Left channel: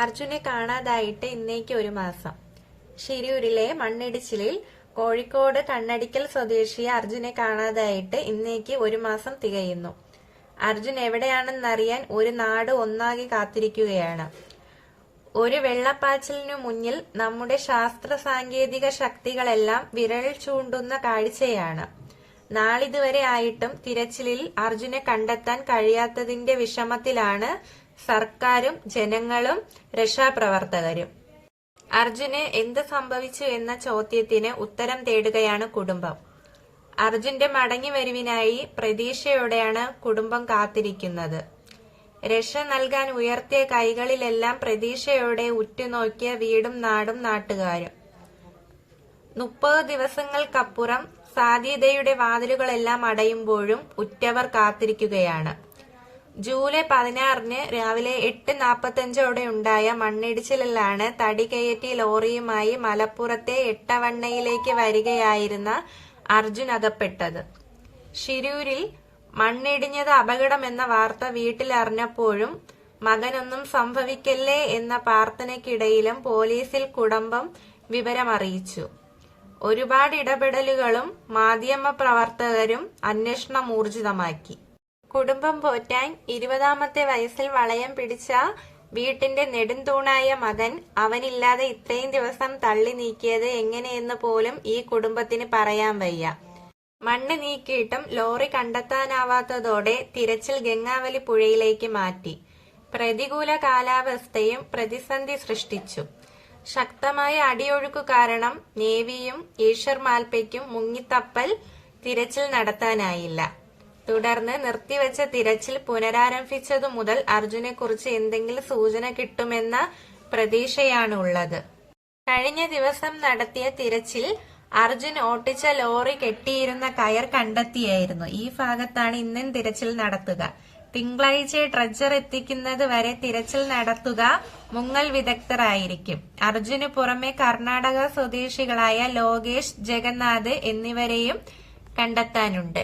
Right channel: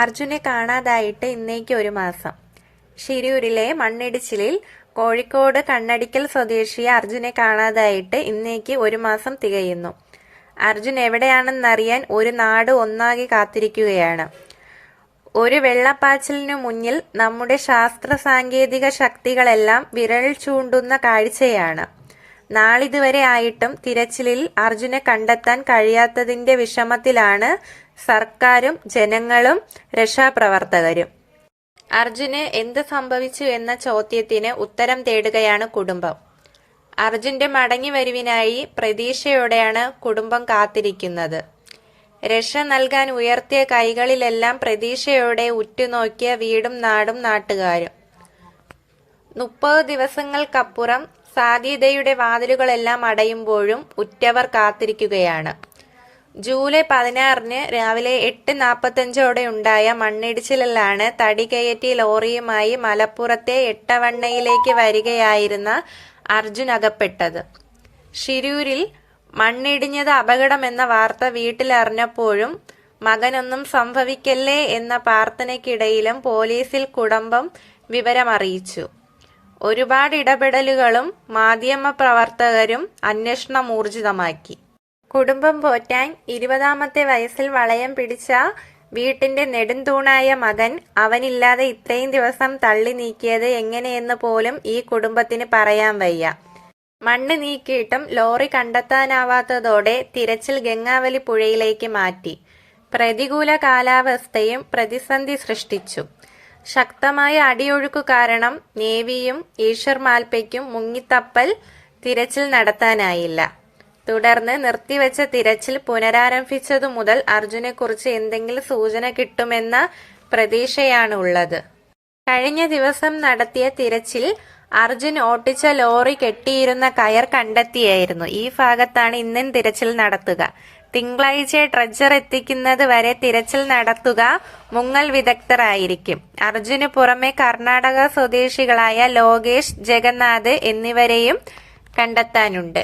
അർജുനെ കാണാതായിട്ട് ഇന്നേക്ക് ഒരു മാസം. ഷിരൂരിലെ മണ്ണിടിച്ചിലിൽ കോഴിക്കോട് കണ്ണടിക്കൽ സ്വദേശി അർജുനെ കാണാതായിട്ട് ഇന്നേക്ക് ഒരു മാസം തികയുന്നു. അർജുൻ എവിടെയാണെന്നറിയാൻ ഒരു നാട് ഒന്നാകെ കാത്തിരിക്കുകയാണ്. ഒരു വെള്ളപ്പാച്ചിലിനു മുന്നിൽ നമ്മുടെ ശാസ്ത്ര സാങ്കേതിക ശക്തികളെല്ലാം വിരൽ ചൂണ്ടുന്ന കാഴ്ചയാണ്. നാളിതുവരെ ആയിട്ടും തിരച്ചിലിൽ അർജുനെ കണ്ടെത്താൻ കഴിയാത്തതിന്റെ വിഷമത്തിലാണ് സർക്കാരും ജനങ്ങളും രക്ഷാപ്രവർത്തകരും. അർജുന് എന്ത് സംഭവിച്ചു എന്ന ചോദ്യത്തിന് ഉത്തരം തേടുകയാണ് കുടുംബം. അർജുന്റെ മടങ്ങിവരവിനായി പ്രതീക്ഷയോടെയാണ് കുടുംബം കാത്തിരിക്കുന്നത്. രക്ഷ നൽകാൻ ഉയർത്തിയ കൈകളിലെല്ലാം പ്രതീക്ഷയോടെ ഉറ്റുനോക്കിയ വീടും നാടും നാട്ടുകാരും. 30 ദിവസങ്ങൾക്കപ്പുറം സാധ്യതയുടെ വാതിലുകളെല്ലാം അടയുമ്പോഴും ഉറ്റവർ കാത്തിരിക്കുകയാണ്. ജൂലൈ 16-ന് രാവിലെ 8:45 ഉണ്ടായ മണ്ണിടിച്ചിലിലാണ് തടി കയറ്റി ലോറിയുമായി മലപ്പുറത്തെ എട്ടവണ്ണയിലേക്ക് വരികയായിരുന്ന അർജുൻ അകപ്പെട്ടത്. ഷിരൂരിൽ മണ്ണിടിഞ്ഞത് അപകടമെന്ന വാർത്ത വീട്ടിലറിഞ്ഞപ്പോഴും മകനൊന്നും സംഭവിക്കല്ലേ എന്ന പ്രാർത്ഥനയ്ക്കിടയിലും പോലീസിൽ കുടുംബം വിവരമറിയിച്ചു. ഒരുപാട് ഇടപെടലുകളും മാധ്യമപ്രവർത്തകരും അന്വേഷണം ഊർജിതമാക്കി. കുടുംബം പോറ്റാൻ 20-ാമത്തെ വയസ്സിൽ വളയം പിടിച്ച വീട്ടിന്റെ നെടുംതൂണായ മകൻ അവനില്ലാതെ ഇത്രയും ദിവസം തള്ളി നീക്കിയത് എങ്ങനെയെന്ന് പോലും ഈ കുടുംബത്തിന് പറയാൻ വയ്യ. മണ്ണ് നീക്കിയിട്ടും ലോറി കണ്ടെത്താനാവാത്തതോടെ തിരച്ചിൽ ഗംഗാവലി പുഴയിലേക്ക് മാറ്റി. പ്രതികൂല കാലാവസ്ഥയും പ്രതിസന്ധി സൃഷ്ടിച്ചു. ശക്തമായ അടിയൊഴുക്കു കാരണം നേവിയും ഈശ്വർ മാൽപ്പയ്ക്കും മുങ്ങിത്തപ്പൽ തിരച്ചിൽ നടത്താനായില്ല. തുടർന്ന് നിർത്തിവെച്ച തിരച്ചിൽ പുനരാരംഭിച്ചതു മുതൽ അർജുനെക്കുറിച്ച് എന്തെങ്കിലും സൂചന കിട്ടുമെന്ന പ്രതീക്ഷയാണുള്ളത്. കഴിഞ്ഞ ദിവസം നടത്തിയ തിരച്ചിൽ അർജുൻ ഓട്ടിച്ച ലോറി കെട്ടിയിരുന്ന കയർ കണ്ടെത്തിയായിരുന്നു. ഈ ഭാഗത്താണ് ഇന്നും തിരച്ചിൽ നടത്തുക. തിങ്കളാഴ്ച ട്രെജർ എത്തിക്കുന്നത് വരെ തിരച്ചിൽ നടത്തുക മുങ്ങൽ വിദഗ്ധരായിരിക്കും. അർജുന് പുറമെ കർണാടക സ്വദേശികളായ ലോകേഷ്, ജഗന്നാഥ് എന്നിവരെയും കണ്ടെത്താനുണ്ട്.